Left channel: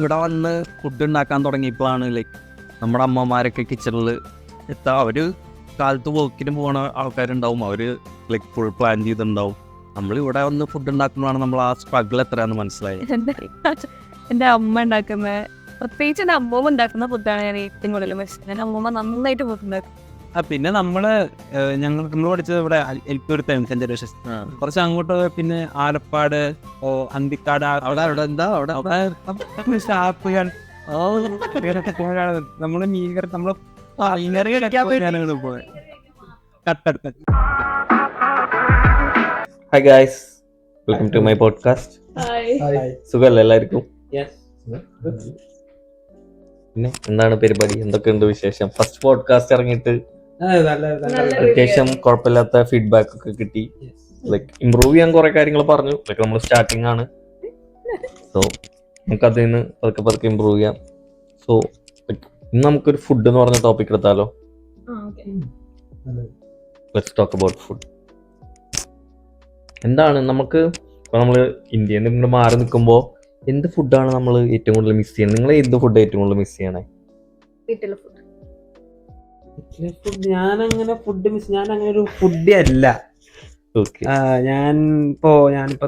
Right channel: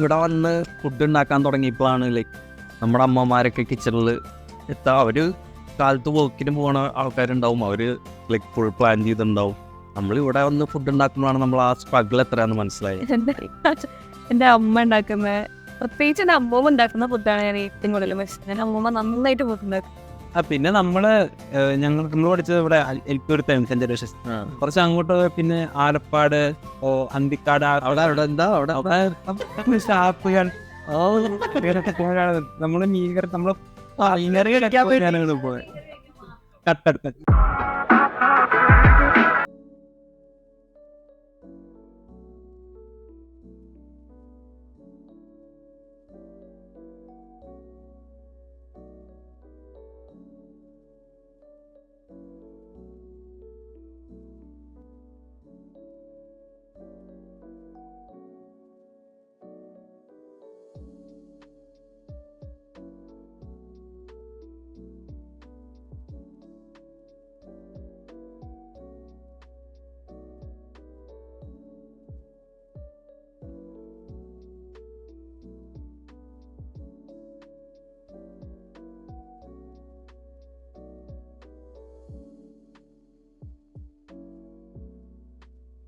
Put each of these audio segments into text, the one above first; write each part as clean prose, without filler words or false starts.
ഇവിടെ വന്ന് ഫുഡ് ഉണ്ടാക്കാൻ തുടങ്ങിയപ്പോഴാണ് ലൈക്ക് നമ്മുടെ അമ്മമാരൊക്കെ കിച്ചണിൽ അവർ കാലത്ത് വർക്കിന് പോകുന്ന ആൾക്കാരുണ്ടാവും, അവർ ലൈക്ക് ഫുൾ പ്ലാൻ ചെയ്തിട്ടുണ്ടാവും. നമ്മൾ ഇവിടെ വന്ന് ഫുഡ് ഉണ്ടാക്കുമ്പോഴാണ് നമ്മൾ ആ സ്ട്രഗിൾ എത്രയാണെന്ന് മനസ്സിലായത്. എൻ്റെ അമ്മ ഉണ്ടാക്കുന്ന, പ്രത്യേകിച്ച് എൻ്റെ അമ്മൂമ്മ ഉണ്ടാക്കുന്ന ഫുഡാണ് ഞാൻ ഏറ്റവും കൂടുതൽ മിസ്. എൻ്റെ അമ്മൂമ്മ നന്നായിട്ട് ഫുഡ് ഉണ്ടാക്കും. പിന്നെ നമ്മൾ പഠിച്ചത് ഇവിടെ എൽപ്പൂരത്താണ് സെന്റ് ജോസഫ്. കുറച്ച് അങ്ങോട്ട് പിന്നെ ആലപ്പാട്, അന്തിക്കാട്, അവിടെ എന്താ അവിടെ ഷാപ്പുകൾ, നമ്മള് മീൻകറി, നമ്മള് കട്ടെടുത്ത്. Hi guys, welcome to my podcast. സുഖല്ലേ എല്ലാവർക്കും? പിന്നെ എന്താണ് പരിപാടി, എന്തൊക്കെയുണ്ട് വിശേഷം? ഫസ്റ്റ് പോഡ്കാസ്റ്റ് ഇറങ്ങിയിട്ട് അത്യാവശ്യം കുഴപ്പമില്ലാത്ത ഫീഡ്ബാക്ക് ഒക്കെ കിട്ടി. ലൈക്ക് ഇമ്പ്രൂവ് ചെയ്യാൻ കുറെ കാര്യങ്ങൾ പറഞ്ഞു. ലൈക്ക് നമ്മൾ സ്റ്റാർട്ടിങ് ആണ്, സോ നമുക്ക് അതിൽ നിന്ന് പതുക്കെ ഇമ്പ്രൂവ് ചെയ്യാം. സോ ഇന്ന് നമുക്കൊരു ഫുഡ് എന്ന് പറഞ്ഞ ടോപ്പിക് എടുത്താലോ? Let's talk about food. എന്താണ് നമുക്ക് ഇപ്പോൾ നമ്മൾ ഇന്ത്യയിൽ നിന്ന് മാറി നിൽക്കുമ്പോൾ എന്ത് ഫുഡാണ് നമ്മൾ ഏറ്റവും കൂടുതൽ മിസ് ചെയ്യുന്നത്? നിങ്ങൾ എന്ത് ഫുഡ് ഏറ്റവും കൂടുതൽ മിസ് ചെയ്യണേ? ഞാനങ്ങനെ ഒരു ഫുഡ് അല്ല. ഞാനിപ്പോ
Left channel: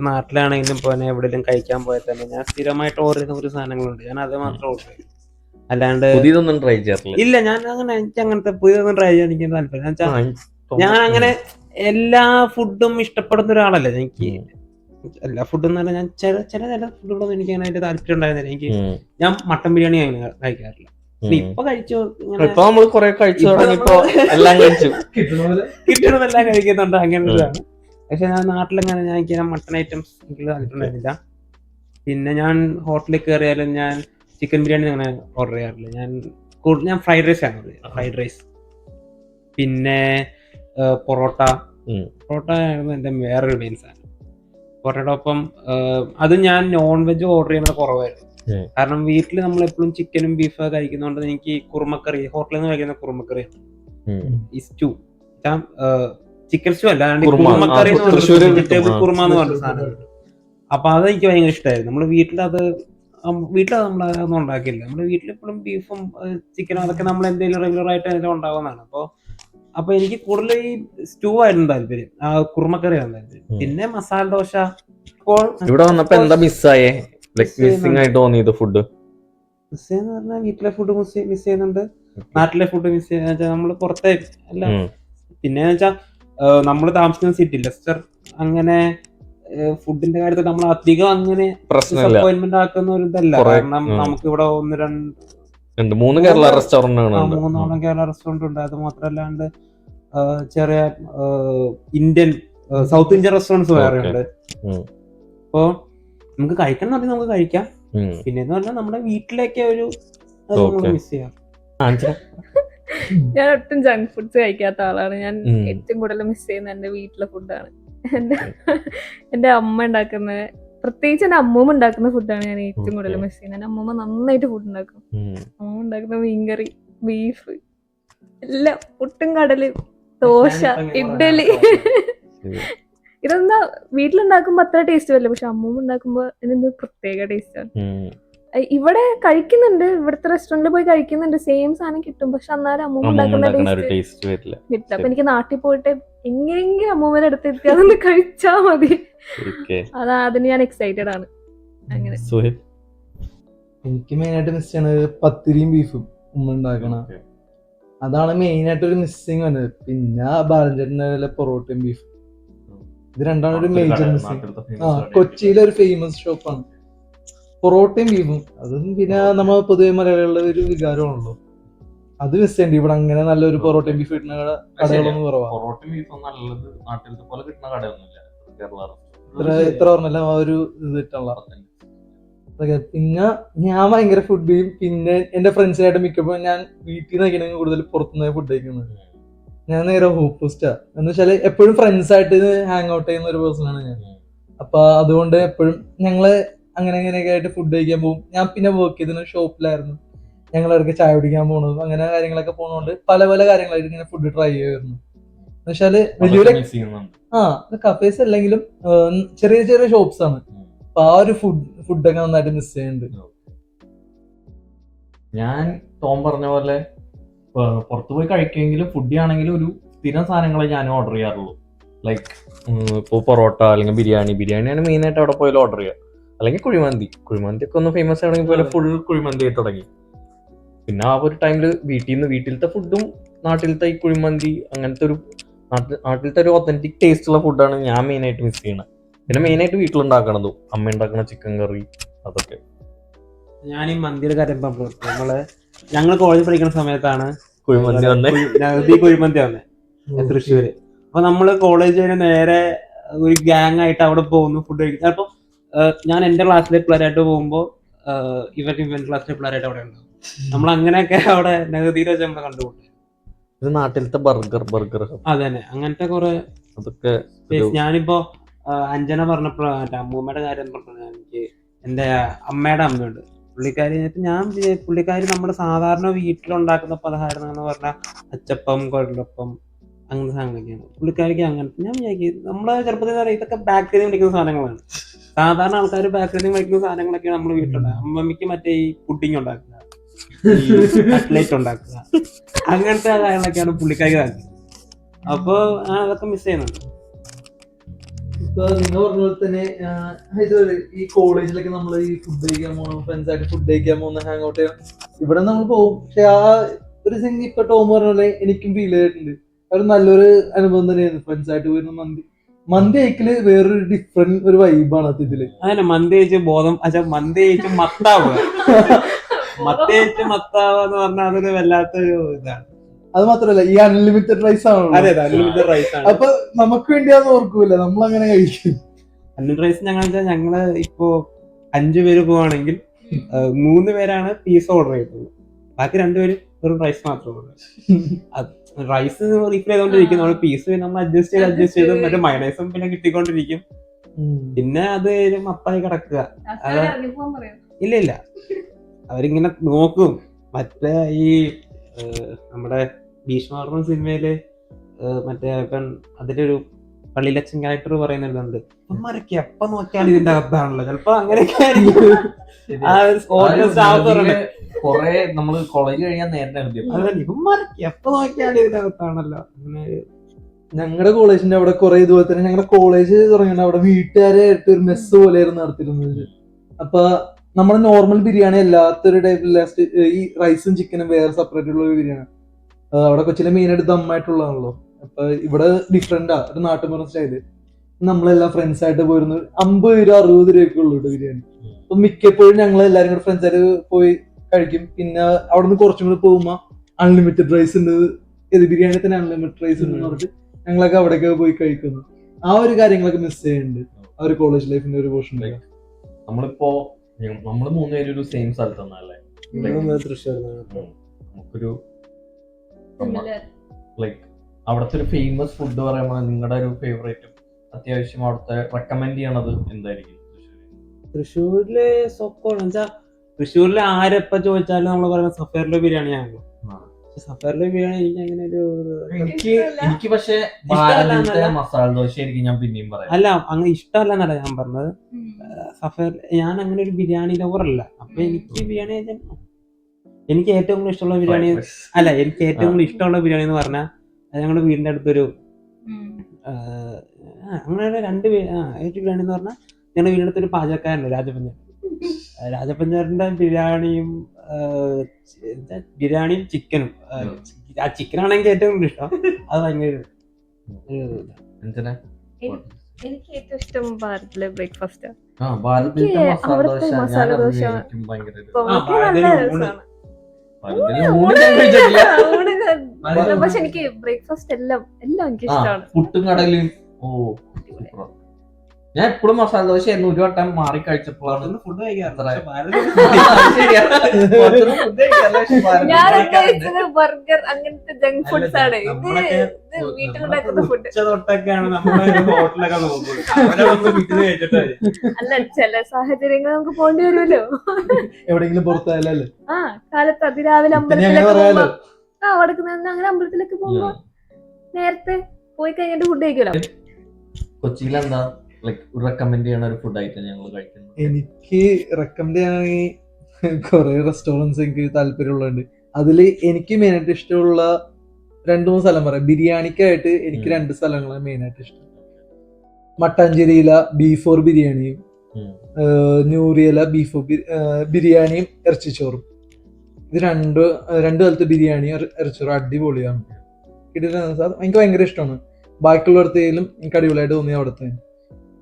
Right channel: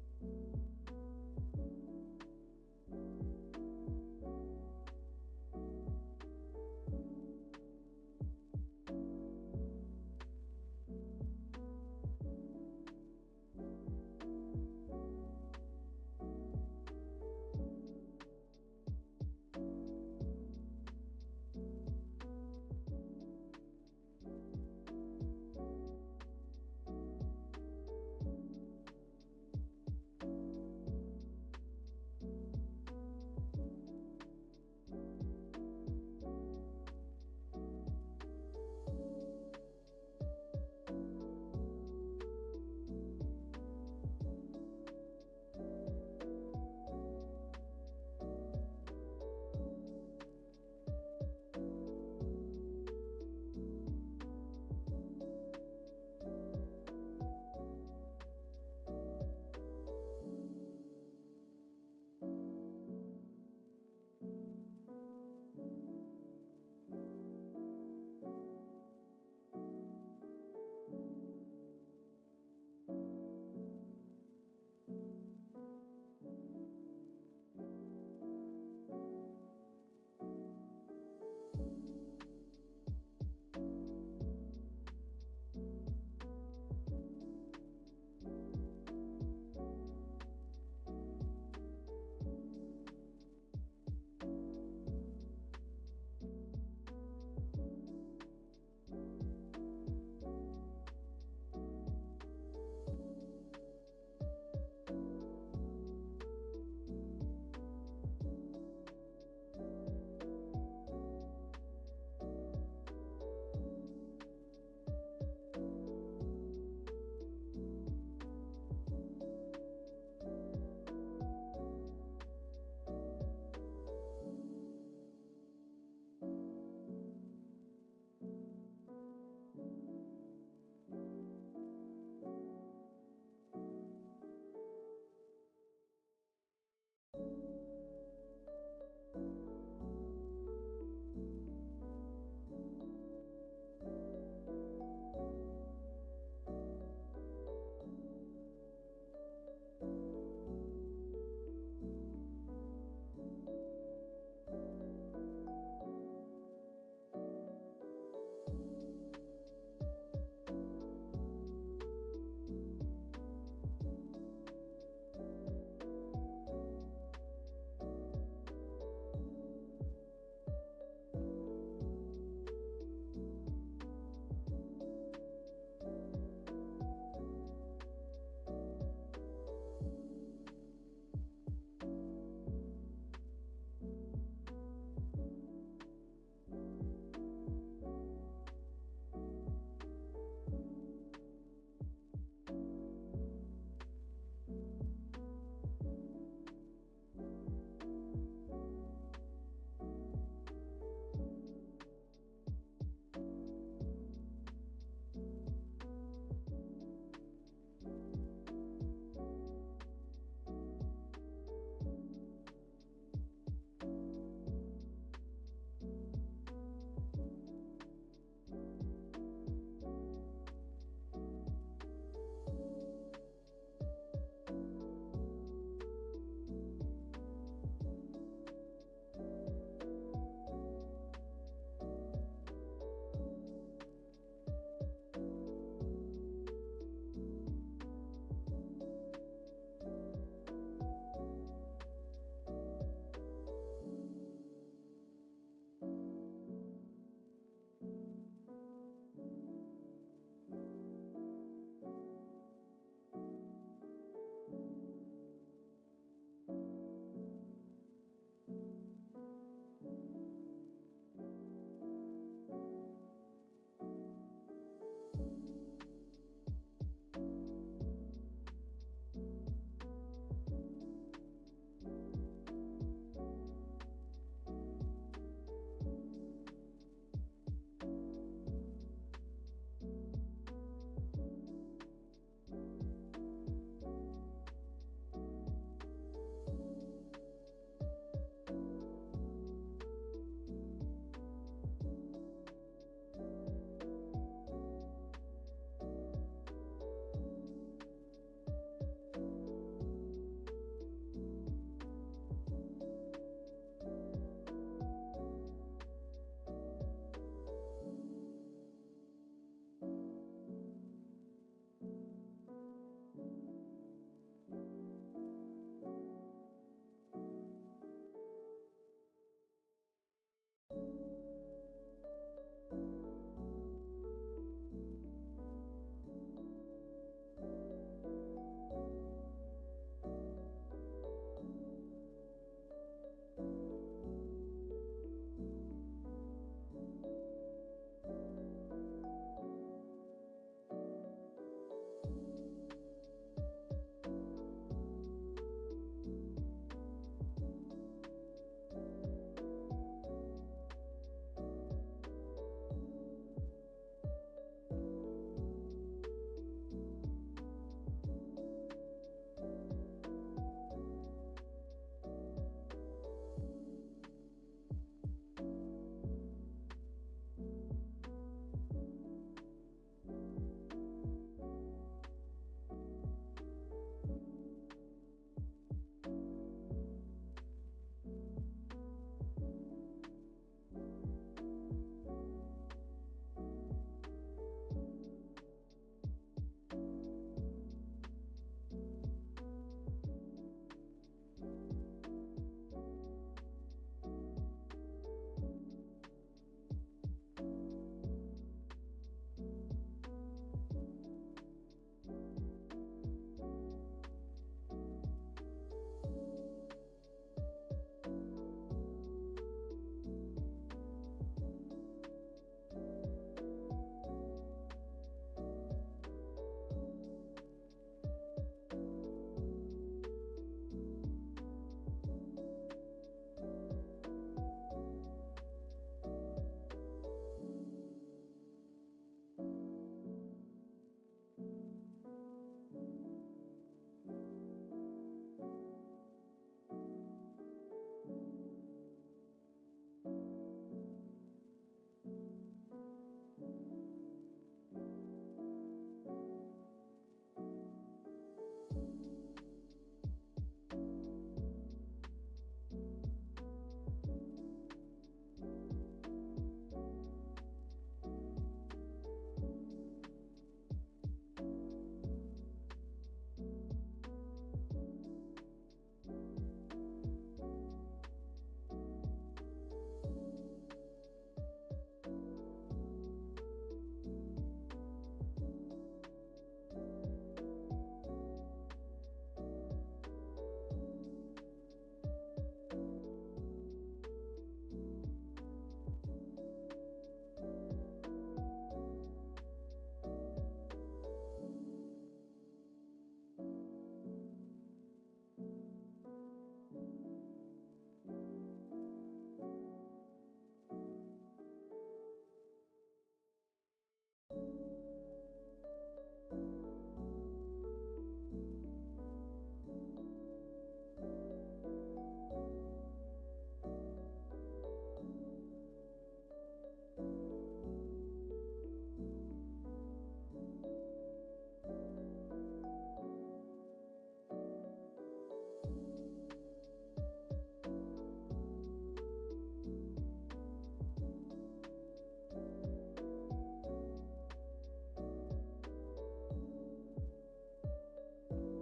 നാട്ടിലാണെങ്കിലും ഇപ്പൊ എവിടെയെങ്കിലും കഴിക്കാൻ പോയാൽ തന്നെ ഞാൻ സ്ഥിരമായിട്ട് ഓർഡർ ചെയ്യുന്ന ഒരു സാധനങ്ങളുണ്ട്. ഞാൻ അത് മാത്രം ഓർഡർ ചെയ്യും, അല്ലാണ്ട് പുതിയതൊന്നും ട്രൈ ചെയ്യാറില്ല. ഇല്ല. എനിക്ക് അങ്ങനത്തെ പുതിയതൊന്നും ട്രൈ ചെയ്യാൻ എനിക്ക് താല്പര്യം. ഞാൻ അങ്ങനെ എല്ലാ ഫുഡും ഇഷ്ടപ്പെടുന്ന ഒരാളല്ല. എനിക്ക് എല്ലാ ഫുഡും എന്ന് പറഞ്ഞാൽ ഞാൻ ചില ഫുഡുകളൊന്നും എനിക്ക് അങ്ങനെ അതിന്റെ താല്പര്യം ഉണ്ടായിരുന്നില്ല. ഞാൻ മട്ടൻ ബിരിയാണി അങ്ങനെ കഴിക്കാറില്ല. ഇപ്പൊ കഴിച്ചു, നമ്മള് കുറെ കഴിച്ചു തുടങ്ങിയപ്പോ എല്ലാം കഴിച്ചു, കിട്ടണതെല്ലാം കഴിക്കുന്നുണ്ട്. അങ്ങനെ ഇതാണ്. പക്ഷെ ഞാൻ നാട്ടിലെങ്ങനെ ഞാൻ മട്ടൺ ഐറ്റംസ് എനിക്ക് താല്പര്യമുണ്ടായിരുന്നില്ല. പിന്നെ ഞാൻ ഹോട്ടലിൽ കയറിയാലും ഞാൻ ചിക്കൻ ബിരിയാണി അങ്ങനെ ഓർഡർ ചെയ്യാറില്ല. ഞാൻ ഫ്രൈഡ് റൈസ് ആണ് ഓർഡർ ചെയ്യുന്നത്. ഫ്രൈഡ് റൈസ്, പിന്നെ പൊറോട്ട ആയിരുന്നു എൻ്റെ വേറൊരു മെയിൻ സാധനം. പൊറോട്ടയുടെ ഒപ്പം അത് ഞാൻ നോൺ വെജ് ഓർഡർ ചെയ്യുന്നത് കുറവായിരുന്നു. കാരണം വീട്ടിൽ നമ്മൾ എപ്പോഴും ചിക്കനും ബീഫ് കഴിക്കുന്നതുകൊണ്ട് എനിക്ക് കുറുമക്കറി, ഹോട്ടലിൽ നിന്ന് കഴിക്കുന്ന കുറുമക്കറി, ഈ സ്റ്റൂ, ചിക്കൻ സ്റ്റൂ അല്ല, കുറുമക്കറി, വെജിറ്റബിൾ കുറുമ എന്ന് പറഞ്ഞ സാധനം. അപ്പൊ അത് എനിക്ക് ഭയങ്കര ഇഷ്ടമായിരുന്നു. നമ്മൾ വീട്ടിലത് നമ്മളതൊന്നും ഉണ്ടാക്കില്ല. നമ്മുടെ വീട്ടിലെപ്പോഴും ബീഫും ചിക്കനും അതൊക്കെ നമ്മൾ എന്തെങ്കിലും റെഗുലർ ആയിട്ട് അതിൽ ഉണ്ടാകുന്നതാണ്. അപ്പൊ എനിക്ക് കൂടുതൽ ഈ സ്റ്റൂ ആയിരുന്നു താല്പര്യം, ആ കുറുമക്കറിയാണ് താല്പര്യം. പിന്നെ മസാല ദോശ. ഇവിടെ വന്നപ്പോ എന്താ മിസ്സായേ, മിസ്സിംഗ് ആയിട്ട് തോന്നിയത് ഫുഡ്? മിസ് ചെയ്യുന്ന പറഞ്ഞാൽ വീട്ടിലെ ഫുഡ് മിസ് ചെയ്യുന്നുണ്ട്, നാട്ടിലെ ഫുഡ് മിസ് ചെയ്യുന്ന നമ്മള് പുറത്തെ എല്ലാം. പിന്നെ വെച്ചാൽ നമ്മള് താമസിക്കുന്ന സിറ്റി ലെസ്റ്റർ, അങ്ങനെ ഫുഡിന്റെ കാര്യത്തിൽ നമ്മൾ അധികം അങ്ങനെ ഡിസപ്പോയിന്റ്മെന്റ് ആക്കുന്ന ഒരു ഇതല്ല. കാരണം നമുക്ക് ഇവിടെ മൂന്നോളം കേരള റെസ്റ്റോറന്റ് ഉണ്ട്. അത് മാത്രമല്ലാണ്ട് ചെറിയ ഇന്ത്യൻ, സൗത്ത് ഇന്ത്യൻ റെസ്റ്റോറൻറ്റ്സ് വേറെ ഉണ്ട്. അപ്പോ നമുക്ക് കഴിക്കണം എന്നുണ്ടെങ്കിൽ നമുക്ക് കഴിക്കാം. പിന്നെ എന്ന് പറഞ്ഞാൽ നമ്മുടെ വീട്ടിലേക്ക് ഒരു മിസ് ചെയ്യാം. ഞാൻ ഒട്ടും ജങ്ക് ഫുഡ്സ് കഴിക്കാത്ത ആളാണ്. ഞാൻ ഏറ്റവും കൂടുതൽ മിസ് ചെയ്യുന്നത് എൻ്റെ വീട്ടിലെ ഫുഡാണ്. എൻ്റെ അമ്മ ഉണ്ടാക്കുന്ന, പ്രത്യേകിച്ച് എൻ്റെ അമ്മൂമ്മ ഉണ്ടാക്കുന്ന ഫുഡാണ് ഞാൻ ഏറ്റവും കൂടുതൽ മിസ് ചെയ്യുന്നത്. എൻ്റെ അമ്മൂമ്മ നന്നായിട്ട് ഫുഡ് ഉണ്ടാക്കും. അമ്മ ഉണ്ടാക്കുന്ന മീൻകറി, ബീഫ്, എല്ലാം, പുട്ടും കടലും, ദോശ, ഇഡ്ഡലി, ഇതെന്താ വീട്ടിലുണ്ടാക്കുമ്പോ അത്ര ടേസ്റ്റ് വരില്ല. പക്ഷെ അമ്മൂമ്മ ഉണ്ടാക്കുമ്പോ ഇതിന് പ്രത്യേക ടേസ്റ്റാണ്. ഇവിടെ കഴിക്കുന്നുണ്ട്, ഇവിടുത്തെ റെസ്റ്റോറന്റിൽ പോയി കഴിക്കുന്നുണ്ട്, സെയിം സാധനം കിട്ടും. പക്ഷെ എന്നാലും അമ്മൂമ്മ ഉണ്ടാക്കുന്ന ടേസ്റ്റ് കിട്ടില്ല. അപ്പൊ എനിക്ക് നാട്ടിൽ പോയിട്ട് എങ്ങനെയെങ്കിലും അമ്മൂമ്മയുടെ അടുത്ത് എത്തി അതൊന്ന് കഴിച്ചാ മതി. അതിന് ഞാൻ എക്സൈറ്റഡ് ആണ്. അങ്ങനെ എനിക്ക് മെയിനായിട്ട് മിസ് ചെയ്യണത് പത്തിരിയും ബീഫും ഉമ്മ ഉണ്ടാക്കണ. അതാണ് മെയിനായിട്ടൊരു മിസ്സിങ് വന്നത്. പിന്നെ ബാലഞ്ചേട്ടൻ്റെ പൊറോട്ടയും ബീഫും, ഇത് രണ്ടാണ് ഒരു മേജർ മിസ്സിങ്. കൊച്ചിയിലെ ഒരു ഫേമസ് ഷോപ്പാണ് പൊറോട്ടയും ബീഫും. അതും പിന്നെ നമ്മൾ പൊതുവെ മലയാളികളുടെ ഒരു വികാരമാണല്ലോ, അത് മിസ് ചെയ്യണ്ട. ഇവിടെ അങ്ങനെ നല്ലൊരു പൊറോട്ടയും ബീഫ് കിട്ടുന്ന കടകളൊന്നും കുറവാണ്. ഇത്ര പറഞ്ഞല്ല ആ ഒരു ഇത് കിട്ടാനുള്ള. പിന്നെ ഞാൻ ഭയങ്കര ഫുഡ് ചെയ്യും. പിന്നെ എന്റെ ഫ്രണ്ട്സിനായിട്ട് മിക്കപ്പോൾ ഞാൻ വീട്ടിൽ നിന്ന് കഴിക്കണമെങ്കിൽ കൂടുതൽ പുറത്തുനിന്ന് ഫുഡ് കഴിക്കുന്നത്. ഞാൻ നേരെ ഓപ്പോസിറ്റാ. എന്ന് വെച്ചാല് എപ്പോഴും ഫ്രണ്ട്സ് ആയിട്ട് ഹാങ് ഔട്ട് ചെയ്യുന്ന ഒരു പേഴ്സണാണ് ഞാൻ. അപ്പൊ അതുകൊണ്ട് എപ്പോഴും ഞങ്ങള് അങ്ങനെയൊക്കെ ആയിട്ട് ഫുഡ് കഴിക്കാൻ പോകും. ഞാൻ പിന്നെ വർക്ക് ചെയ്തിരുന്ന ഷോപ്പിലായിരുന്നു, ഞങ്ങൾ ഇടയ്ക്ക് ചായ കുടിക്കാൻ പോണതും അങ്ങനെ കാര്യങ്ങളൊക്കെ പോണതുകൊണ്ട് പല കാര്യങ്ങളായിട്ട് ഇങ്ങനെ ഫുഡ് ട്രൈ ചെയ്യുമായിരുന്നു. എന്ന് വെച്ചാല് വലിയൊരു കഫേസ് അല്ലെങ്കിലും ചെറിയ ഷോപ്സ് ആണ്. അപ്പൊ ആ ഒരു ഫുഡൊക്കെ നന്നായിട്ട് മിസ് ചെയ്യുന്നുണ്ട്. ഞാൻ ടോം പറഞ്ഞ പോലെ പുറത്തു പോയി കഴിക്കുമെങ്കിലും ഫുഡി ആണെങ്കിലും ഒരു സ്ഥിരം സാധനങ്ങളെ ഞാൻ ഓർഡർ ചെയ്യാറുള്ളൂ. ലൈക്ക് ഇപ്പോൾ പൊറോട്ട അല്ലെങ്കിൽ ബിരിയാണിയാണ് മെയിനായിട്ട് അവിടെ പോയാലും ഓർഡർ ചെയ്യുക. അല്ലെങ്കിൽ കുഴിമന്തി ഒക്കെ ഒന്ന് ഫേമസ് ആണെങ്കിൽ പോലെ ഫുൾ കുഴിമന്തി ആയി തുടങ്ങി. പിന്നെ ആ ഒരു ടൈമിൽ വീട്ടിലത്തെ ഫുഡും നാട്ടിലത്തെ ഈ കുഴിമന്തി അങ്ങനത്തെ ഒരു നാട്ടിലത്തെ ഒരു ഒത്തന്റിക് ടേസ്റ്റ് ഉള്ള ഫുഡാണ് ഞാൻ മെയിനായിട്ട് മിസ് ചെയ്യണത്. പിന്നെ മെയിനായിട്ട് വീട്ടിലുണ്ടാക്കണതും അമ്മ ഉണ്ടാക്കുന്ന ചിക്കൻ കറി അതൊക്കെ. ഞാൻ ഈ മന്തിയുടെ കാര്യം പറഞ്ഞു. ഞങ്ങൾ കോളേജിൽ പഠിക്കുന്ന സമയത്താണ് കുഴിമന്തി വന്നേ. കുഴിമന്തി വന്നേ തൃശ്ശൂര്. അപ്പൊ നമ്മള് കോളേജ് കഴിഞ്ഞ് നേരെ ഒരു ഗ്യാങ് ആയിട്ട് അവിടെ പോകുന്നു ഫുഡ് കഴിക്കും. ചിലപ്പോ ഞാൻ എന്റെ ക്ലാസ്സിലെ പിള്ളേരായിട്ട് പോകുമ്പോ ഇവന്റെ ക്ലാസ്സിലെ പിള്ളേരായിട്ട് അവിടെ ഉണ്ടാവും. നമ്മൾ അങ്ങനെയൊക്കെ അവിടെ നഗതിയിൽ വെച്ച് നമ്മളെ കണ്ടുപോകും. ഇത് നാട്ടിലത്തെ ബർഗർ അതെ തന്നെ, അങ്ങനത്തെ കുറെ അതൊക്കെ. ഞാനിപ്പോ അഞ്ജന പറഞ്ഞപ്പോഴാ മറ്റേ അമ്മൂമ്മയുടെ കാര്യം പറഞ്ഞത്. എനിക്ക് എന്റെ അമ്മയുടെ അമ്മയുണ്ട്, പുള്ളിക്കാരി നമ്മുടെ സാധാരണ വീട്ടിലുണ്ടാക്കുന്ന പലഹാരം എന്ന് പറഞ്ഞാൽ അച്ചപ്പം, കൊഴലപ്പം, അങ്ങനത്തെ സാധനങ്ങളൊക്കെയാണ് പുള്ളിക്കാരിക്ക്. അങ്ങനത്തെ ഞാൻ വിചാരിക്കും നമ്മളെ ചെറുപ്പത്തിൽ ഇതൊക്കെ ബേക്കറിയിൽ നിന്ന് മേടിക്കുന്ന സാധനങ്ങളാണ്. സാധാരണ ആൾക്കാർ ബേക്കറിയിൽ നിന്ന് മേടിക്കുന്ന സാധനങ്ങളൊക്കെയാണ് നമ്മൾ വീട്ടിലുണ്ടാകുക. അമ്മമ്മയ്ക്ക് മറ്റേ ഈ പുഡിങ് ഉണ്ടാക്കുക, കട്ട്ലേറ്റ് ഉണ്ടാക്കുക, അങ്ങനത്തെ കാര്യങ്ങളൊക്കെയാണ് പുള്ളിക്കാരി താല്പര്യം. അപ്പൊ അതൊക്കെ മിസ് ചെയ്യുന്നുണ്ട്. ഇപ്പൊ നിങ്ങൾ പറഞ്ഞ പോലെ തന്നെ ഇതുപോലെ ഈ കോളേജിലൊക്കെ നമ്മൾ ഈ ഫുഡ് കഴിക്കാൻ പോകുന്ന ഫ്രണ്ട്സ് ആയിട്ട് ഫുഡ് കഴിക്കാൻ പോകുന്ന ഹാങ് ഔട്ട് ചെയ്യാൻ ഇവിടെ നമ്മൾ പോകും. പക്ഷെ ആ ഒരു സിംഗ് ഇപ്പൊ ടോം പറഞ്ഞ പോലെ എനിക്കും ഫീൽ ചെയ്തിട്ടുണ്ട്. അത് നല്ലൊരു അനുഭവം തന്നെയായിരുന്നു ഫ്രണ്ട്സ് ആയിട്ട് പോയിരുന്ന മന്തി കഴിക്കല് വേറൊരു ഡിഫറെന്റ് ഒരു വൈബാണ് അതില്. അതന്നെ മന്തി കഴിച്ച് ബോധം മന്തി കഴിച്ച് മത്താവുക എന്ന് പറഞ്ഞാൽ അതൊരു വല്ലാത്തൊരു ഇതാണ്. അത് മാത്രല്ല ഈ അൺലിമിറ്റഡ് റൈസ് ആണല്ലോ. അതെ അൺലിമിറ്റഡ് റൈസ് ആണ്. അപ്പൊ നമുക്ക് വേണ്ടിയാന്ന് ഓർക്കൂല, നമ്മൾ അങ്ങനെ കഴിക്കും. അൺലിമിറ്റഡ് റൈസ് ഞങ്ങള് ഇപ്പോ 5 പേര് പോവാണെങ്കിൽ 3 പേരാണ് പീസ് ഓർഡർ ചെയ്തത്, ബാക്കി 2 പേര് വെറും റൈസ് മാത്രം ഓർഡർ. റൈസ് റീഫിൽ ചെയ്തോണ്ടിരിക്കും, നമ്മൾ പീസ് നമ്മൾ അഡ്ജസ്റ്റ് ചെയ്ത് മറ്റേ മയണൈസും പിന്നെ കിട്ടിക്കൊണ്ടിരിക്കും. പിന്നെ അത് മത്തായി കിടക്കുക. ഇല്ല അവരിങ്ങനെ നോക്കും. മറ്റേ ഈ നമ്മുടെ ഭീഷ്മർമ്മൻ സിനിമയില് മറ്റേ അതിന്റെ ഒരു പള്ളിയിലച്ചൻ ക്യാരക്ടർ പറയുന്നുണ്ട്, അമ്മമാരൊക്കെ എപ്പ നോക്കിയാലും ഇതിന്റെ അകത്താണല്ലോ. ചിലപ്പോ അങ്ങനെയൊക്കെ കൊറേ നമ്മള് കോളേജ് കഴിയാൻ നേരത്തെ ഇവന്മാരൊക്കെ എപ്പ നോക്കിയാലും ഇതിന്റെ അകത്താണല്ലോ. അങ്ങനെ ഞങ്ങളുടെ കോളേജിന്റെ അവിടെ കുറെ ഇതുപോലെ തന്നെ ഞങ്ങളുടെ കോളേജ് തുടങ്ങിയിട്ട് അവിടെ വീട്ടുകാരായിട്ട് ഒരു മെസ്സ് പോലെയായിരുന്നു നടത്തിയിരുന്നത്. അപ്പൊ നമ്മുടെ നോർമൽ ബിരിയാണി അല്ലാത്തൊരു ടൈപ്പ് ലാസ്റ്റ് ഈ റൈസും ചിക്കനും വേറെ സെപ്പറേറ്റ് ഉള്ള ഒരു ബിരിയാണി. അവിടെ കൊച്ചിയിലെ മെയിനായിട്ട് ദമ്മായിട്ടുള്ളതാണല്ലോ. അപ്പൊ ഇവിടെ ഡിഫറെന്റാ, ഒരു നാട്ടുപുറം സ്റ്റൈല്. നമ്മളെല്ലാം ഫ്രണ്ട്സ് ആയിട്ട് പോയിരുന്നു. 50 രൂപ 60 രൂപയൊക്കെ ഉള്ളൂ ബിരിയാണി. അപ്പൊ മിക്കപ്പോഴും ഞങ്ങൾ എല്ലാരും കൂടെ ഫ്രണ്ട്സ് ആയിട്ട് പോയി കഴിക്കും. പിന്നെ അവിടെ നിന്ന് കുറച്ചും കൂടി പോകുമ്പോ അൺലിമിറ്റഡ് റൈസ് ഉണ്ട്, ഏത് ബിരിയാണി തന്നെ അൺലിമിറ്റഡ് റൈസ് ഉണ്ട് പറഞ്ഞിട്ട് ഞങ്ങളൊക്കെ അവിടേക്ക് പോയി കഴിക്കുന്നു. ആ ഒരു കാര്യങ്ങളൊക്കെ മിസ് ചെയ്യുന്നുണ്ട് ആ ഒരു കോളേജ് ലൈഫിന്റെ ഒരു പോർഷൻ. നമ്മളിപ്പോ നമ്മള് 3 പേരും ഒരു സെയിം സ്ഥലത്തല്ലേ, തൃശ്ശൂർ. നമുക്കൊരു ലൈക്ക് അവിടുത്തെ ഒരു ഫേമസ് ഫുഡ് പറയുമ്പോ നിങ്ങളുടെ ഒരു ഫേവറേറ്റും അത്യാവശ്യം അവിടുത്തെ റെക്കമെൻഡ് ചെയ്യണത് എന്തായിരിക്കും? തൃശ്ശൂരിലെ തൃശ്ശൂരിലെ ആരെപ്പ ചോദിച്ചാലും നമ്മൾ പറയുന്ന സഫേറിലെ ബിരിയാണിയാണല്ലോ. സഫേറിലെ ബിരിയാണി എനിക്ക് അങ്ങനെ എനിക്ക് പക്ഷേ മസാല ദോശ ആയിരിക്കും ഞാൻ പിന്നെയും പറയാം. അല്ല അങ്ങനെ ഇഷ്ടമല്ലെന്നല്ല ഞാൻ പറഞ്ഞത്. സഫേർ ഞാൻ അങ്ങനെ ഒരു ബിരിയാണി ലവറല്ല. അപ്പൊ എനിക്ക് ബിരിയാണി എനിക്ക് ഏറ്റവും കൂടുതൽ ഇഷ്ടമുള്ള ബിരിയാണി എനിക്ക് ഏറ്റവും കൂടുതൽ ഇഷ്ടമുള്ള ബിരിയാണി എന്ന് പറഞ്ഞാൽ ഞങ്ങളുടെ വീടിന്റെ അടുത്തൊരു അങ്ങനെ 2 ഏറ്റവും ബിരിയാണി എന്ന് പറഞ്ഞാൽ ഞങ്ങളുടെ വീടിന്റെ അടുത്തൊരു പാചകക്കാരുണ്ട്, രാജപ്പഞ്ചാറിന്റെ ബിരിയാണിയും ചിക്കനും. ആ ചിക്കനാണെങ്കിൽ ഏറ്റവും കൂടുതൽ ഇഷ്ടം. അത് ഭയങ്കര എനിക്ക് ഏറ്റവും ഇഷ്ടം ഭാരതിലെ ബ്രേക്ക്ഫാസ്റ്റ്. അവിടുത്തെ മസാല ദോശ പക്ഷെ എനിക്ക് ബ്രേക്ക്ഫാസ്റ്റ് എല്ലാം എനിക്ക് ഇഷ്ടമാണ്. പുട്ടും കടലും. ഞാൻ എപ്പോഴും മസാല ദോശ ആയിരുന്നു. ഒരു വട്ടം മാറി കഴിച്ചപ്പോഴാണ് ഫുഡ് കഴിക്കാറുണ്ട്. ബർഗർ അങ്ങനത്തെ ജങ്ക് ഫുഡ്സ് ആണ്. വീട്ടിലുണ്ടാക്കുന്ന ഫുഡ് അല്ല, ചില സാഹചര്യങ്ങൾ നമുക്ക് പോകേണ്ടി വരുമല്ലോ. എവിടെയെങ്കിലും പുറത്തായാലല്ലേ കാലത്ത് അതിരാവിലെ അമ്പലത്തിലൊക്കെ പോകുമ്പോ അങ്ങനെ അമ്പലത്തിലൊക്കെ പോകുമ്പോ നേരത്തെ പോയി കഴിഞ്ഞിട്ട് ഫുഡ് കഴിക്കുമല്ലോ. കൊച്ചിയിലെന്താ റെക്കമെൻഡ് ചെയ്യണ ഒരു ഫുഡ് ഐറ്റം ഞങ്ങൾ കഴിക്കുന്നത്? എനിക്ക് റെക്കമെൻഡ് ചെയ്യാനാണെങ്കിൽ കുറെ റെസ്റ്റോറൻറ്റ്സ് എനിക്ക് താല്പര്യമുള്ളതുണ്ട്. അതിൽ എനിക്ക് മെയിനായിട്ട് ഇഷ്ടമുള്ള 2-3 സ്ഥലം പറയാം. ബിരിയാണിക്കായിട്ട് എനിക്ക് 2 സ്ഥലങ്ങളാണ് മെയിനായിട്ട് ഇഷ്ടം. മട്ടാഞ്ചേരിയില ബീഫ് ഓർ ബിരിയാണിയും നൂറിയല ബീഫ് ബിരിയാണിയും ഇറച്ചിച്ചോറും. ഇത് രണ്ട് കാലത്ത് ബിരിയാണിയും ഇറച്ചിച്ചോറും അടിപൊളിയാണ്. എനിക്ക് ഭയങ്കര ഇഷ്ടമാണ്. ബാക്കിയുള്ളിടത്തേലും എനിക്ക് അടിപൊളിയായിട്ട് തോന്നി അവിടുത്തെ.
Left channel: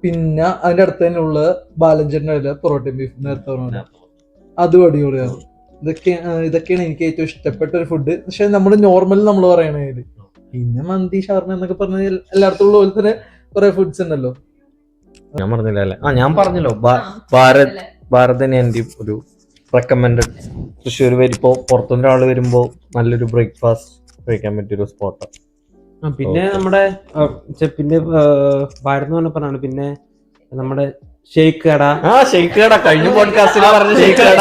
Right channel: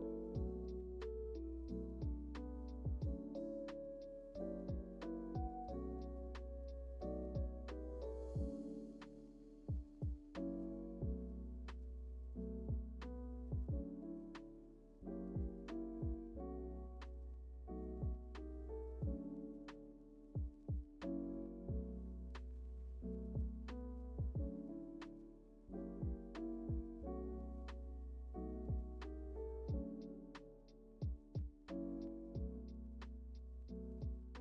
പിന്നെ അതിന്റെ അടുത്ത് തന്നെ ഉള്ള ബാലഞ്ചേട്ടൻ്റെ പൊറോട്ടയും ബീഫ് നേരത്തെ പറഞ്ഞ അതും അടിപൊളിയാണ്. ഇതൊക്കെയാണ് എനിക്ക് ഏറ്റവും ഇഷ്ടപ്പെട്ട ഒരു ഫുഡ്. പക്ഷെ നമ്മൾ നോർമൽ നമ്മൾ പറയണത് പിന്നെ മന്തി ഷവർമ എന്നൊക്കെ പറഞ്ഞ എല്ലായിടത്തും ഉള്ള പോലെ തന്നെ കുറെ ഫുഡ്സ് ഉണ്ടല്ലോ. ഞാൻ പറഞ്ഞില്ല അല്ലേ? ഞാൻ പറഞ്ഞല്ലോ ഭാരത് തന്നെ എൻ്റെ ഒരു റെക്കമെൻഡഡ്. തൃശ്ശൂർ വരുമ്പോ പുറത്തുനിന്ന് ഒരാൾ വരുമ്പോ നല്ലൊരു ബ്രേക്ക്ഫാസ്റ്റ് കഴിക്കാൻ പറ്റിയൊരു സ്പോട്ടാണ്. പിന്നെ നമ്മുടെ പിന്നെ ഭാരത് എന്ന് പറഞ്ഞാണ്. പിന്നെ നമ്മുടെ ഷെയ്ക്ക് കട. ഷെയ്ക്ക് കട കഴിഞ്ഞ പോഡ്കാസ്റ്റിൽ പറഞ്ഞ ഷെയ്ക്ക് കട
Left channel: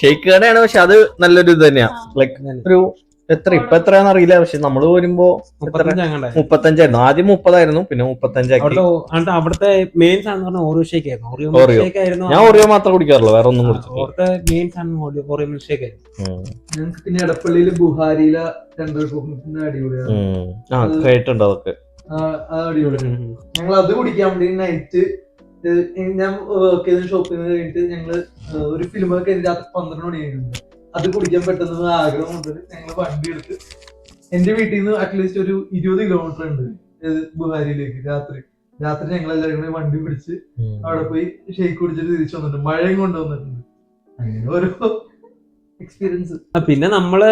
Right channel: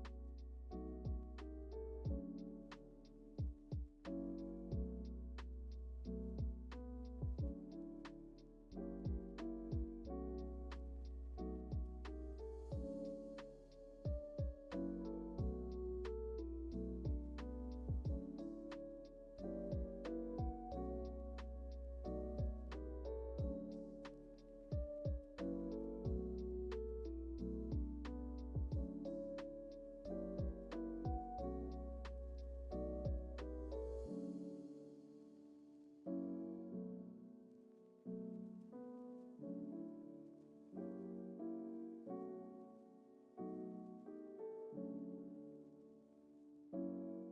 ഷെയ്ക്ക് കടയാണ്. പക്ഷെ അത് നല്ലൊരു ഇത് തന്നെയാ. ലൈക്ക് ഒരു എത്രയാണെന്ന് അറിയില്ല. പക്ഷെ നമ്മള് വരുമ്പോ 35 ആദ്യം 30 പിന്നെ 35. അവിടുത്തെ മെയിൻ സാധനം ഓറിയോ ഷേക്ക് ആയിരുന്നു. ഞാൻ ഓറിയോ മാത്രം കുടിക്കാറുള്ളൂ, വേറെ ഒന്നും കുടിച്ചിട്ടില്ല. അവിടുത്തെ മെയിൻ സാധനം ഓറിയോ മിൽക്ക് ഷേക്ക് ആയിരുന്നു. ഞങ്ങൾക്ക് പിന്നെ എടപ്പള്ളിയില് ബുഹാരിയിലെ അടിപൊളിയാണ്. കേട്ടിട്ടുണ്ട് അതൊക്കെ. അടിപൊളിയാണ്. ഞങ്ങൾ അത് കുടിക്കാൻ വേണ്ടി നൈറ്റ് ഞാൻ വർക്ക് ചെയ്ത ഷോപ്പിൽ നിന്ന് കഴിഞ്ഞിട്ട് ഞങ്ങള് ഒരു ഫിലിമൊക്കെ രാത്രി 12 മണിയായിരുന്നു. അത് കുടിക്കാൻ പെട്ടെന്ന് ആഗ്രഹം കൊണ്ട് ഞങ്ങൾ വണ്ടി എടുത്ത് എന്റെ വീട്ടിൽ നിന്ന് അറ്റ്ലീസ്റ്റ് ഒരു 20 കിലോമീറ്റർ ഉണ്ട് ബുഹാരിയിലേക്ക്. രാത്രി ഞങ്ങൾ എല്ലാവരും കൂടി വണ്ടി പിടിച്ച് അവിടെ പോയി ഷേക്ക് കുടിച്ചിട്ട് തിരിച്ചു വന്നിട്ടുണ്ട്. മഴയും കൊണ്ടുവന്നിട്ടുണ്ട്. അങ്ങനെ ഓരോ എക്സ്പീരിയൻസ്. പിന്നെ നമ്മള്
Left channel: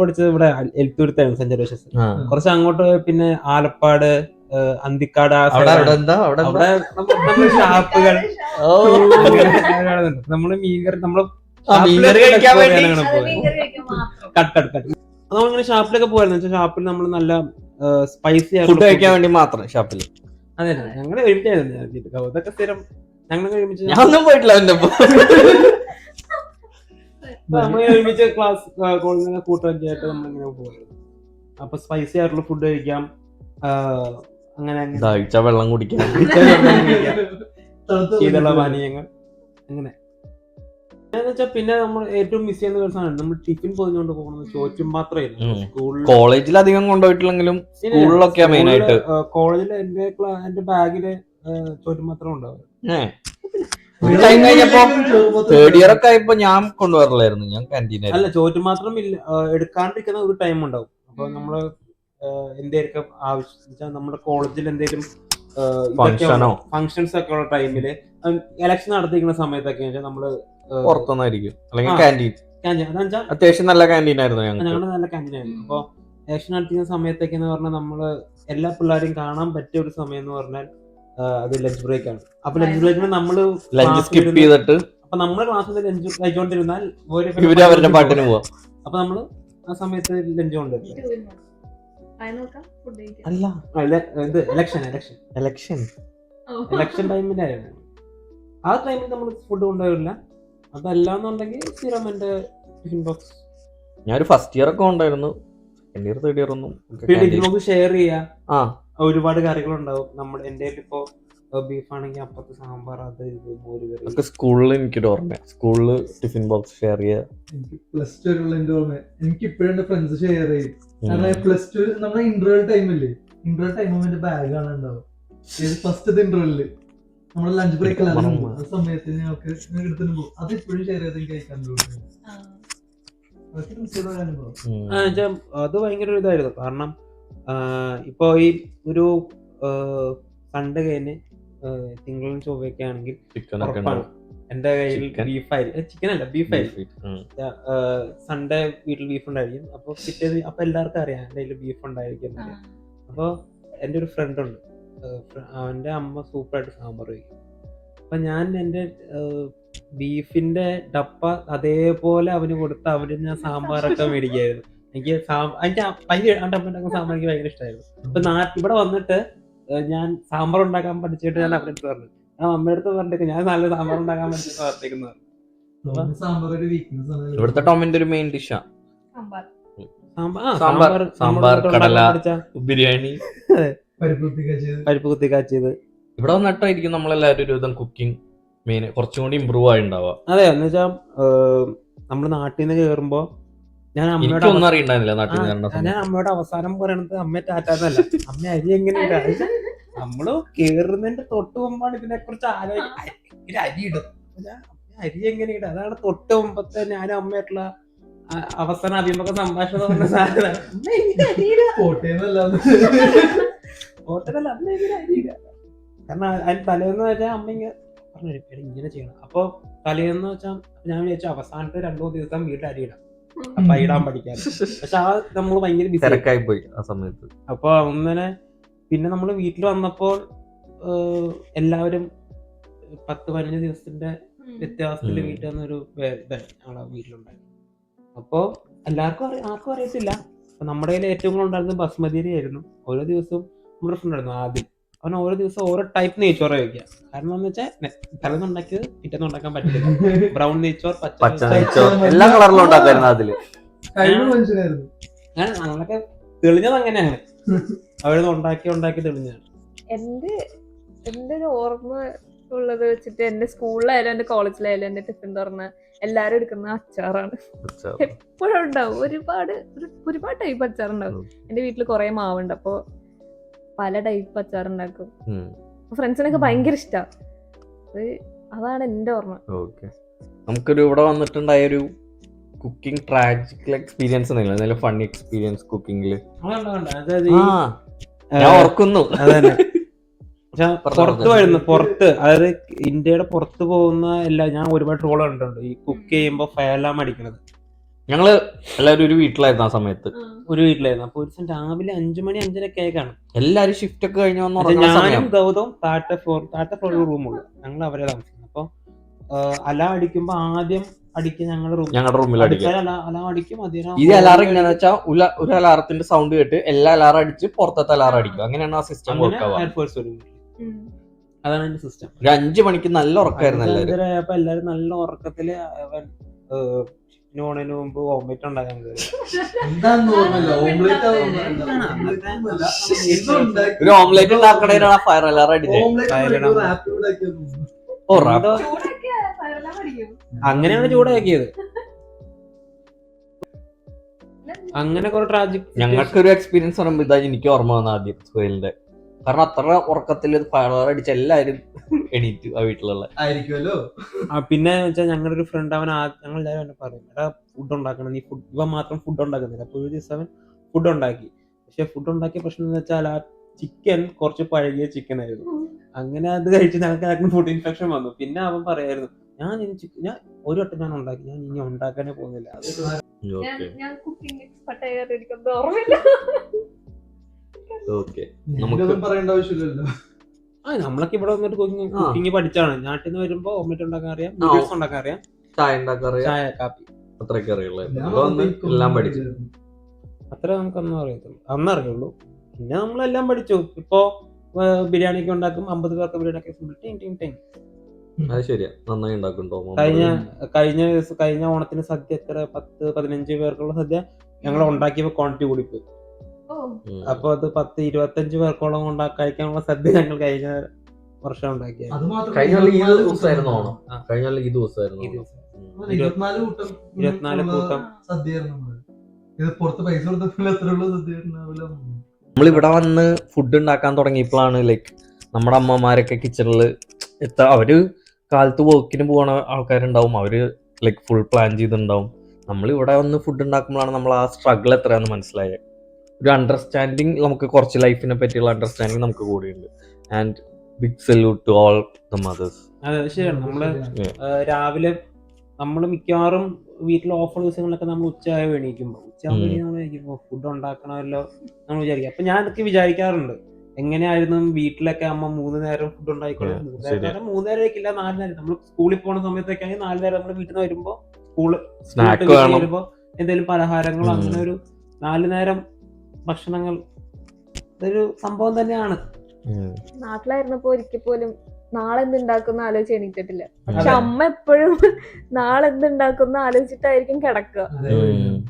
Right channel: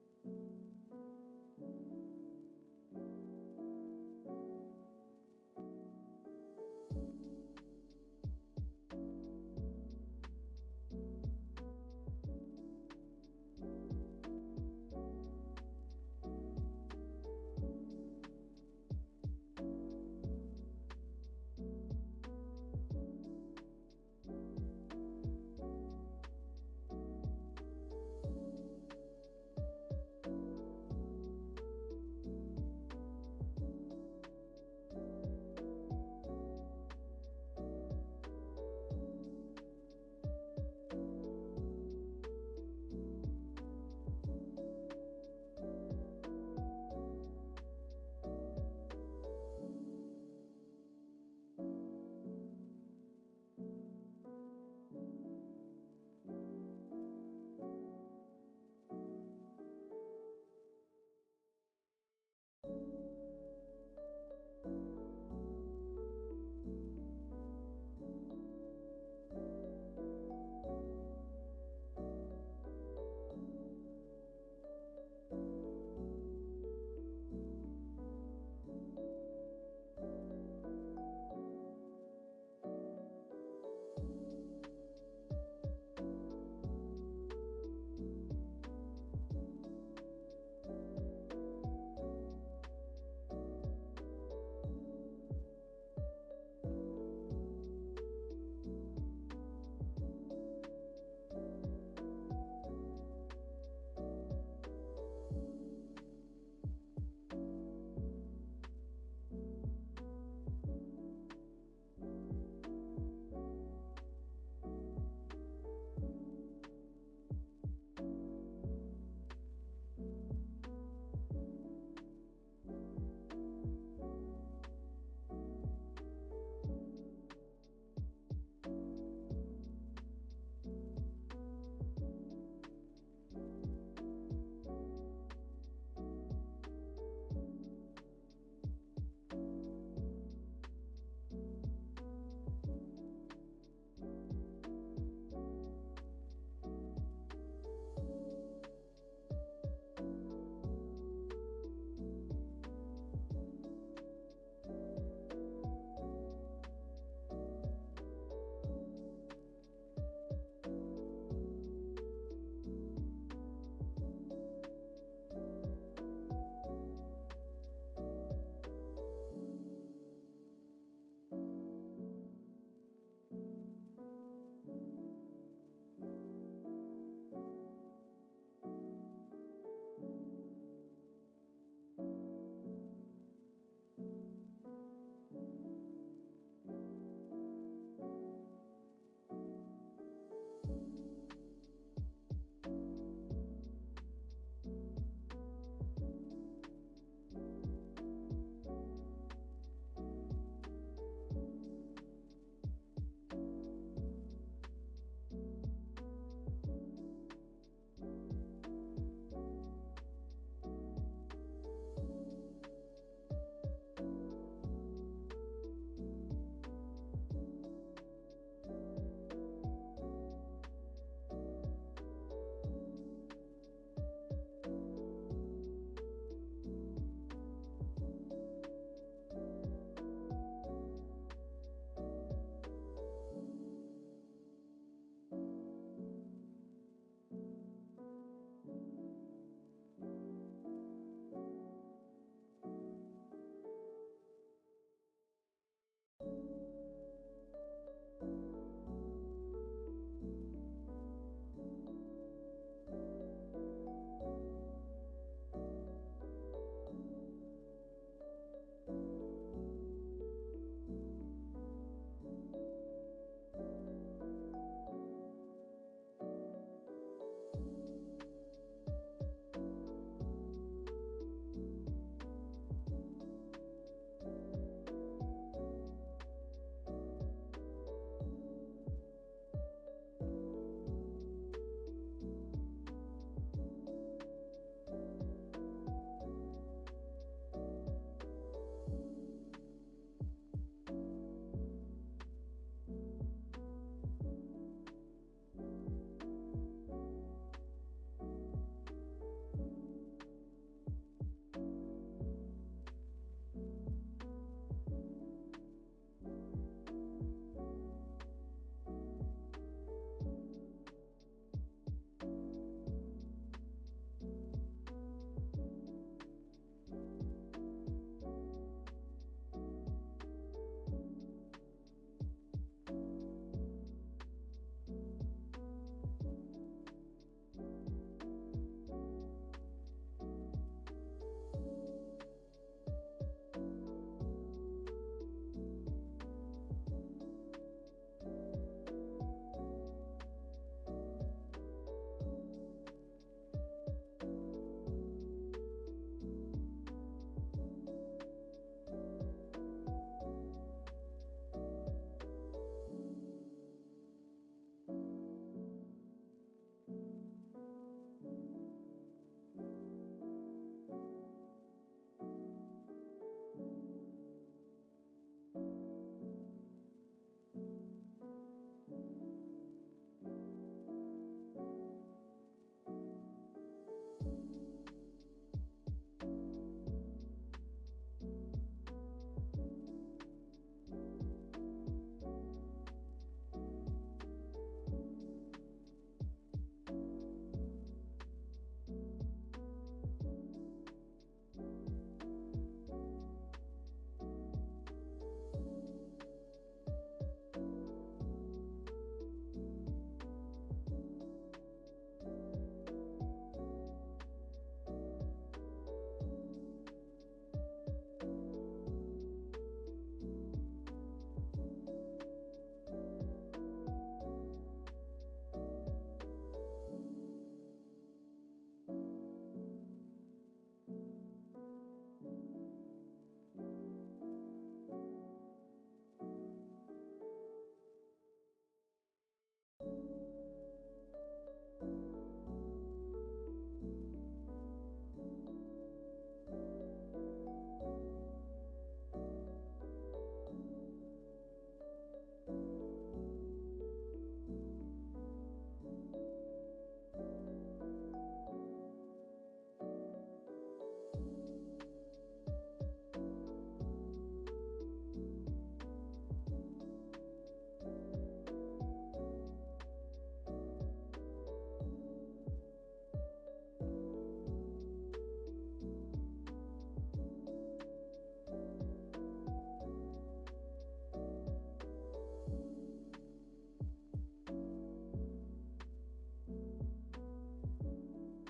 പഠിച്ചത് ഇവിടെ എൽത്തൂരത്തായിരുന്നു, സെന്റ് ജോസഫ്. കുറച്ച് അങ്ങോട്ട് പിന്നെ ആലപ്പാട്, അന്തിക്കാട്, അവിടെ ഷാപ്പുകൾ, നമ്മള് മീൻകറി നമ്മളിങ്ങനെ ഷാപ്പിലൊക്കെ പോയായിരുന്നു. ഷാപ്പിൽ നമ്മൾ നല്ല സ്പൈസി ഫുഡ് കഴിക്കാൻ വേണ്ടി മാത്രം ഷാപ്പിൽ. അതെ, ഞങ്ങള് ഒരുമിച്ചായിരുന്നു. അതൊക്കെ സ്ഥിരം ഞങ്ങൾ ഒരുമിച്ച്. ഞാനൊന്നും പോയിട്ടില്ല അവന്റെ നമ്മൾ ഒരുമിച്ച് ക്ലാസ് കോളേജിലെ കൂട്ടുകാരൊക്കെ ആയിട്ട് നമ്മളിങ്ങനെ പോകും. അപ്പൊ സ്പൈസി ആയിട്ടുള്ള ഫുഡ് കഴിക്കാം, അങ്ങനെ വെള്ളം കുടിക്കാം, ശീതള പാനീയങ്ങൾ, അങ്ങനെ. പിന്നെ നമ്മൾ ഏറ്റവും മിസ് ചെയ്യുന്ന ഒരു സാധനം നമ്മൾ ടിഫിൻ പൊതിഞ്ഞുകൊണ്ട് പോകുന്നത് ചോറ്റും പാത്രമായിരുന്നു. കോളേജിൽ അധികം കൊണ്ടുപോയിട്ടില്ലെങ്കിലും സ്കൂളിലൊക്കെ മെയിൻ ആയിട്ട്. കോളേജിൽ എന്റെ ബാഗില് ചോറ്റും പാത്രം ഉണ്ടാവും. ടൈം കഴിഞ്ഞപ്പോ തേർഡ് ഇയർ ഒക്കെ ആയപ്പോ ഞാൻ കൊണ്ടുപോകാറില്ലായിരുന്നു. ഞാൻ ക്യാൻറ്റീൻ അല്ല, ചോറ്റും മാത്രം എടുക്കാണ്ടിരിക്കുന്ന ഒരു ടൈം ഉണ്ടാവും. അപ്പൊ നമ്മള് എന്തെങ്കിലും ആവശ്യം നമ്മുടെ കോളേജിൽ എന്തെങ്കിലും ഫങ്ഷൻസ് ഒക്കെ ഉള്ള ടൈമില്, ഇലക്ഷൻ നടത്തിക്കുന്ന സമയത്തൊക്കെ നമ്മള് പുറത്തുനിന്നായിരിക്കും, അല്ലെങ്കിൽ ക്യാൻറ്റീൻ. അത്യാവശ്യം നല്ല ക്യാൻറ്റീൻ ആയിരുന്നു ഞങ്ങളുടെ നല്ല ക്യാൻറ്റീൻ ആയിരുന്നു. അപ്പൊ ഇലക്ഷൻ നടത്തിക്കുന്ന സമയത്തൊക്കെ എന്ന് പറഞ്ഞാൽ നമ്മള് എല്ലാ പിള്ളേരെയും കാണാൻ പറ്റിയ ഒരു സമയം എന്ന് പറഞ്ഞാൽ അത് ലഞ്ച് ബ്രേക്ക് ആണ്. അപ്പൊ ലഞ്ച് ബ്രേക്കിന് നമ്മള് ലഞ്ച് സ്കിപ്പ് ചെയ്തിട്ട് അപ്പൊ നമ്മള് ക്ലാസ്സിൽ ലഞ്ച് കഴിച്ചോണ്ടിരുന്നാൽ ഇവര് അവരുടെ പാട്ടിന് പോവാം. അപ്പൊ നമ്മള് ആ സമയത്ത് ലഞ്ച് കൊണ്ടുവരും. ഇലക്ഷൻ ടൈമിലായിരുന്നു. ആ ടൈമിൽ നമ്മൾ ഫുഡ് കൊണ്ടുവരില്ല. അതല്ലാന്നുണ്ടെങ്കിൽ സ്ഥിരം എന്റെ ടിഫിൻ ബോക്സ്. ഞാനൊരു ഫസ്റ്റ് ഇയർ ഒക്കെ ഉണ്ടായിരുന്നു. സെക്കൻഡ് ഇയർ തേർഡ് ഇയർ ഒന്നും ടിഫിൻ ബോക്സ് ഷെയർ ചെയ്യാം. ഒരുപാട് കറികളുണ്ടാവും. നമ്മുടെ എന്റെ ഇപ്പോ ബീഫ് ആണെങ്കിൽ അപ്പുറത്ത് സാമ്പാർ, അത് ഇത് മോരുകറി. സ്കൂളിൽ എനിക്കൊരു ഓർമ്മ, സ്കൂളില് ടിഫിൻ ബോക്സ് ഷെയർ ചെയ്യാ. പ്ലസ് ടു എന്റെ ഓർമ്മ എനിക്ക് ഇപ്പോഴും എന്റെ ഫ്രണ്ട്സ് ഷെയർ ചെയ്യും. കാരണം പ്ലസ് ടു നമ്മുടെ ഇന്റർവെൽ ടൈമില്ലേ, ഇന്റർവെൽ ടൈം എന്റെ ബാഗാണ് ഉണ്ടാവും. ഫസ്റ്റ് ഇന്റർവെല്ലില് നമ്മുടെ ലഞ്ച് ബ്രേക്ക് ആ സമയത്ത് ഞങ്ങൾക്ക് എടുത്തിട്ട് പോകും. അത് ഇപ്പോഴും ഷെയർ ചെയ്ത് കഴിക്കാൻ തോന്നുന്നു. അത് ഭയങ്കര ഇതായിരുന്നു. കാരണം ഇപ്പൊ ഈ ഒരു സൺഡേ കഴിഞ്ഞ് തിങ്കളും ചൊവ്വയൊക്കെ ആണെങ്കിൽ എന്റെ കയ്യിൽ ബീഫായിരിക്കും. ചിക്കൻ അല്ല, ബീഫായിരിക്കും. സൺഡേ വീട്ടിൽ ബീഫ് ഉണ്ടായിരിക്കും. അപ്പൊ പിറ്റേന്ന് അപ്പൊ എല്ലാവർക്കും അറിയാം എന്റെ കയ്യിൽ ബീഫ് ഉണ്ടായിരിക്കും. അപ്പൊ എന്റെ ഒരു ഫ്രണ്ട് ഉണ്ട്, അവന്റെ അമ്മ സൂപ്പറായിട്ട് സാമ്പാർ വയ്ക്കും. അപ്പൊ ഞാൻ എന്റെ ബീഫിന്റെ ഡപ്പ അതേപോലെ അവന് കൊടുത്ത് അവന് ഞാൻ സാമ്പാറൊക്കെ മേടിക്കായിരുന്നു. എനിക്ക് അമ്മ സാമ്പാർ എനിക്ക് ഭയങ്കര ഇഷ്ടമായിരുന്നു. അപ്പൊ ഇവിടെ വന്നിട്ട് ഞാൻ സാമ്പാർ ഉണ്ടാക്കാൻ പഠിച്ചിട്ട് ഞാൻ അവരുടെ അടുത്ത് പറഞ്ഞു, അമ്മയുടെ അടുത്ത് പറഞ്ഞിട്ട് ഞാൻ നല്ല സാമ്പാർ ഉണ്ടാക്കാൻ പഠിച്ചിട്ട് പറഞ്ഞിരിക്കുന്നത്. ഇവിടുത്തെ ടോമിന്റെ ഒരു മെയിൻ ഡിഷാ സാമ്പാർ, കടല, ബിരിയാണി, പരിപ്പ് കുത്തി കാച്ചിയത്. ഇവിടെ വന്നിട്ടായിരിക്കും നമ്മളെല്ലാവരും ഒരു വിധം കുക്കിംഗ് മെയിൻ കുറച്ചും കൂടി ഇമ്പ്രൂവ് ആയി ഉണ്ടാവുക. അതെ, എന്ന് വെച്ചാൽ നമ്മള് നാട്ടിൽ നിന്ന് കയറുമ്പോ ഞാൻ അമ്മയോട് എനിക്കൊന്നും അറിയണ്ടായിരുന്നില്ല നാട്ടിൽ നിന്ന് കണ്ട ഞാൻ അമ്മയോട് അവസാനം പറയണത് അമ്മ ടാറ്റാന്നല്ല, അമ്മ അരി എങ്ങനെ ഇടാ. നമ്മള് കേറുന്നതിന്റെ തൊട്ട് മുമ്പാണ് ഇതിനെ കുറിച്ച് ആലോചിക്കുന്നത്. അരി ഇടും, അരി എങ്ങനെ ഇടും, അതാണ് തൊട്ട് മുമ്പത്തെ ഞാനും അമ്മയായിട്ടുള്ള അവസാന അഭിമുഖ സംഭാഷണം പറഞ്ഞ സാധനം. ഹോട്ടലല്ല, അമ്മ എങ്ങനെ അരി ഇടുക. കാരണം അതിന് തലേന്ന് വെച്ചാൽ അമ്മ ഇങ്ങനെ പറഞ്ഞു ഇങ്ങനെ ചെയ്യണം. അപ്പൊ തലേന്ന് വെച്ചാൽ ഞാൻ വിചാരിച്ചു അവസാനത്തെ 2-3 ദിവസം വീട്ടിൽ അരി ഇടാം, അപ്പൊ ഇടാൻ പഠിക്കാൻ. പക്ഷെ ആ നമ്മള് ഭയങ്കര ബിസി തിരക്കായി പോയി ആ സമയത്ത്. അപ്പൊ അങ്ങനെ പിന്നെ നമ്മള് വീട്ടിൽ വന്നപ്പോൾ എല്ലാവരും 10-15 ദിവസത്തിന്റെ വ്യത്യാസത്തില് വീട്ടിൽ വന്നൊരു ഞങ്ങളെ വീട്ടിലുണ്ടായി. അപ്പൊ ആർക്കും അറിയത്തില്ല. അപ്പൊ നമ്മുടെ കയ്യിൽ ഏറ്റവും കൂടുതൽ ഉണ്ടായിരുന്നത് ബസ്മതി അരി ആയിരുന്നു. ഓരോ ദിവസവും നമ്മുടെ ഫ്രണ്ട് ഉണ്ടായിരുന്നു ആദ്യം, അവൻ ഓരോ ദിവസം ഓരോ ടൈപ്പ് നെയ്ച്ചോറ് വയ്ക്കുക. കാരണം എന്ന് വെച്ചാൽ തലേന്ന് ഉണ്ടാക്കിയത് പിറ്റേന്ന് ഉണ്ടാക്കാൻ പറ്റില്ല. ബ്രൗൺ നെയ്ച്ചോർ, പച്ച നെയ്ച്ചോർ, എല്ലാ കളറിലും ഉണ്ടാക്കായിരുന്നു അതില്. ഞങ്ങളൊക്കെ തെളിഞ്ഞത് അങ്ങനെയാണ്, അവിടുന്ന് ഉണ്ടാക്കി തെളിഞ്ഞതാണ്. എന്റെ ഒരു ഓർമ്മ ഉള്ളത് വെച്ചിട്ട് എന്റെ സ്കൂളിലായാലും എന്റെ കോളേജിലായാലും എന്റെ ടിഫിൻ തുറന്ന എല്ലാരും എടുക്കുന്ന അച്ചാറാണ്. എപ്പോഴും ഉണ്ടാവും, ഒരുപാട് ടൈപ്പ് അച്ചാറുണ്ടാവും. എന്റെ വീട്ടിൽ കുറെ മാവുണ്ട്, അപ്പൊ പല ടൈപ്പ് അച്ചാറുണ്ടാക്കും. ഫ്രണ്ട്സിനൊക്കെ ഭയങ്കര ഇഷ്ടമാണ്. അതാണ് എന്റെ ഓർമ്മ. നമുക്കൊരു ഇവിടെ വന്നിട്ടുണ്ടായൊരു കുക്കിംഗ് ട്രാജിക്കൽ എക്സ്പീരിയൻസ് എന്തെങ്കിലും ഫണ്ണി എക്സ്പീരിയൻസ് കുക്കിംഗില് ഞാൻ ഓർക്കുന്നു. പുറത്ത് അതായത് ഇന്ത്യയുടെ പുറത്ത് പോകുന്ന ഞാൻ ഒരുപാട് ട്രോൾ കണ്ടിട്ടുണ്ട് ഈ കുക്ക് ചെയ്യുമ്പോ ഫയലാം അടിക്കണത്. ഞങ്ങള് എല്ലാവരും ഒരു വീട്ടിലായിരുന്നു ആ സമയത്ത്. ഒരു വീട്ടിലായിരുന്നു. അപ്പൊ ഒരു ദിവസം രാവിലെ 5 മണി 5:30 ആയിക്കാണ്. എല്ലാരും ഷിഫ്റ്റ് ഒക്കെ കഴിഞ്ഞു ഞാനും ഗൗതം താഴത്തെ ഫ്ലോർ റൂമുള്ളൂ, ഞങ്ങൾ അവരെ താമസിക്കുന്നത്. അപ്പൊ അലാം അടിക്കുമ്പോ ആദ്യം അടിക്കുക ഞങ്ങളുടെ റൂമിൽ അലാം അടിക്കും. ഇത് അലാറം എങ്ങനെയാന്ന് വെച്ചാൽ ഒരു അലാറത്തിന്റെ സൗണ്ട് കേട്ട് എല്ലാ അലാറം അടിച്ച് പുറത്തത്തെ അലാറം അടിക്കും. അങ്ങനെയാണ് ആ സിസ്റ്റം വർക്ക് ആവുക. അതാണ് എന്റെ സിസ്റ്റം. ഒരു 5 മണിക്ക് നല്ല ഉറക്കമായിരുന്നു എല്ലാവരും. അപ്പൊ എല്ലാരും നല്ല ഉറക്കത്തില് ഓണന് മുമ്പ് ഓംലെറ്റ് ഉണ്ടാക്കാൻ ഒരു ഓംലെറ്റ് ഉണ്ടാക്കണേനാണ് ഫയർ അലാറം അടിച്ചത്. അങ്ങനെയാണ് ചൂടാക്കിയത്. അങ്ങനെ കുറെ ട്രാജിക്. ഞങ്ങൾക്കൊരു എക്സ്പീരിയൻസ് പറയുമ്പോൾ ഇതാ എനിക്ക് ഓർമ്മ വന്ന ആദ്യം സുഹേലിന്റെ. കാരണം അത്ര ഉറക്കത്തിൽ ഫയർ അലാറം അടിച്ച എല്ലാവരും എണീറ്റു ആ വീട്ടിലുള്ള ആയിരിക്കുമല്ലോ. പിന്നെ വെച്ചാൽ ഞങ്ങളുടെ ഒരു ഫ്രണ്ട് ഞങ്ങൾ എല്ലാവരും എന്നെ പറയും ഫുഡ് ഉണ്ടാക്കണം, നീ ഇവ മാത്രം ഫുഡ് ഉണ്ടാക്കുന്നില്ല. അപ്പൊ ഒരു ദിവസം അവൻ ഫുഡ് ഉണ്ടാക്കി. പക്ഷെ ഫുഡ് ഉണ്ടാക്കിയ പ്രശ്നം എന്ന് വെച്ചാൽ ആ ചിക്കൻ കുറച്ച് പഴകിയ ചിക്കൻ ആയിരുന്നു. അങ്ങനെ അത് കഴിച്ച് ഞങ്ങൾക്ക് ഫുഡ് ഇൻഫെക്ഷൻ വന്നു. പിന്നെ അവൻ പറയായിരുന്നു ഞാൻ ഒരു വട്ടം ഞാൻ ഉണ്ടാക്കി, ഞാൻ ഇനി ഉണ്ടാക്കാനേ പോകുന്നില്ല. പറയേണ്ട ആവശ്യമില്ലല്ലോ. നമ്മളൊക്കെ ഇവിടെ വന്നിട്ട് കുക്കിംഗ് പഠിച്ചാണ്. നാട്ടിൽ നിന്ന് വരുമ്പോ ഓംലെറ്റ് ഉണ്ടാക്കാൻ അറിയാം, നൂഡിൽസ് ഉണ്ടാക്കാൻ അറിയാം, ചായ കാപ്പി അത്രയൊക്കെ അറിയുള്ളൂ. എല്ലാം പഠിച്ചു. അത്ര നമുക്കൊന്നും അറിയുള്ളൂ. പിന്നെ നമ്മളെല്ലാം പഠിച്ചു. ഇപ്പൊ ബിരിയാണിക്ക് ഉണ്ടാക്കും, 50 പേർക്ക് ബിരിയാണി. അത് ശരിയാ, നന്നായി ഉണ്ടാക്കുന്നുണ്ടോ? കഴിഞ്ഞ ഓണത്തിന് സദ്യ 10-15 പേർക്കുള്ള സദ്യ ഞങ്ങൾ ഉണ്ടാക്കിയപ്പോ ക്വാണ്ടിറ്റി കൂടിപ്പോയി. അപ്പൊ അത് 10-25 പേർക്കോളം കഴിക്കാനുള്ള സദ്യ ഞങ്ങൾ കഴിഞ്ഞ വർഷം ഉണ്ടാക്കിയത്. കഴിഞ്ഞ ഈ ദിവസമായിരുന്നു ഓണം. കഴിഞ്ഞ ഈ ദിവസമായിരുന്നു 24 കൂട്ടം സദ്യ. നമ്മളിവിടെ വന്ന് ഫുഡ് ഉണ്ടാക്കാൻ തുടങ്ങിയപ്പോഴാണ് ലൈക്ക് നമ്മുടെ അമ്മമാരൊക്കെ കിച്ചണിൽ അവര് കാലത്ത് വർക്കിന് പോകുന്ന ആൾക്കാരുണ്ടാവും, അവര് ലൈക്ക് ഫുൾ പ്ലാൻ ചെയ്തിട്ടുണ്ടാവും. നമ്മളിവിടെ വന്ന് ഫുഡ് ഉണ്ടാക്കുമ്പോഴാണ് നമ്മൾ ആ സ്ട്രഗിൾ എത്രയാണെന്ന് മനസ്സിലായത്. ഒരു അണ്ടർസ്റ്റാൻഡിങ്, നമുക്ക് കുറച്ച് ലൈഫിനെ പറ്റിയുള്ള അണ്ടർസ്റ്റാൻഡിങ് നമുക്ക് കൂടിയുണ്ട്. And big salute to all the mothers. അതെ, ശരിയാണ്. നമ്മള് രാവിലെ നമ്മൾ മിക്കവാറും വീട്ടിൽ ഓഫർ ദിവസങ്ങളിലൊക്കെ നമ്മൾ ഉച്ചയായി എണീക്കുമ്പോൾ ഫുഡ് ഉണ്ടാക്കണമല്ലോ നമ്മൾ വിചാരിക്കും. അപ്പൊ ഞാൻ അതൊക്കെ വിചാരിക്കാറുണ്ട്, എങ്ങനെയായിരുന്നു വീട്ടിലൊക്കെ അമ്മ 3 നേരം ഫുഡ് ഉണ്ടാക്കിക്കുന്നത്. 3 നേരം 4 നേരം. നമ്മൾ സ്കൂളിൽ പോണ സമയത്തൊക്കെ ആണെങ്കിൽ 4 നേരം നമ്മൾ വീട്ടിൽ നിന്ന് വരുമ്പോ വരുമ്പോ എന്തെങ്കിലും പലഹാരങ്ങളോ അങ്ങനെ ഒരു 4 നേരം ഭക്ഷണങ്ങൾ. ഇതൊരു സംഭവം തന്നെയാണ്. നാട്ടിലായിരുന്നപ്പോ ഒരിക്കൽ പോലും നാളെ എന്തുണ്ടാക്കുന്ന ആലോചിച്ച് എണീറ്റിട്ടില്ല. പക്ഷെ അമ്മ എപ്പോഴും നാളെ എന്തുണ്ടാക്കുന്ന ആലോചിച്ചിട്ടായിരിക്കും കിടക്കുക.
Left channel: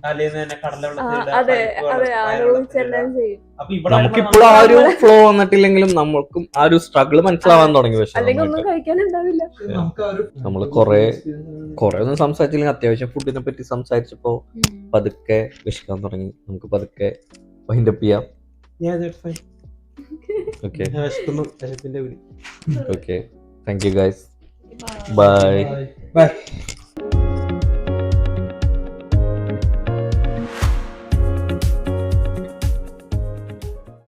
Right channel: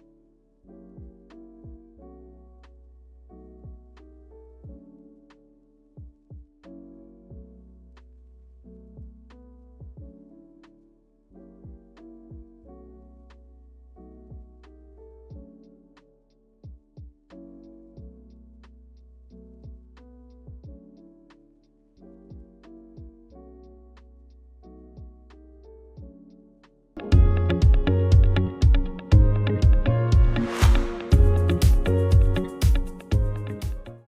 തലേന്ന് തന്നെ കടലവെള്ളത്തിലിടുക, അതെ പരിപ്പ് അതെ വെള്ളം, ആലോചിച്ചെല്ലാം പയറുവെള്ളത്തിലിടുക. ചെയ്യും. അപ്പൊ ഇവിടെ നമുക്കിപ്പോഴും ആ ഒരു ഫ്ലോ വന്നിട്ടില്ലെങ്കിലും നമ്മൾക്കും ആ ഒരു സ്ട്രഗിൾ മനസ്സിലാവാൻ തുടങ്ങി. പക്ഷെ അല്ലെങ്കിൽ ഒന്നും കഴിക്കാനുണ്ടാവില്ല. നമ്മള് കൊറേ ഒന്നും സംസാരിച്ചില്ലെങ്കിൽ അത്യാവശ്യം ഫുഡിനെ പറ്റി സംസാരിച്ചപ്പോ പതുക്കെ വിശക്കാൻ തുടങ്ങി. നമുക്ക് പതുക്കെ വൈൻഡപ്പ് ചെയ്യാം. ഓക്കെ വിശപ്പിന്റെ വിളി. Okay, thank you guys, bye. By.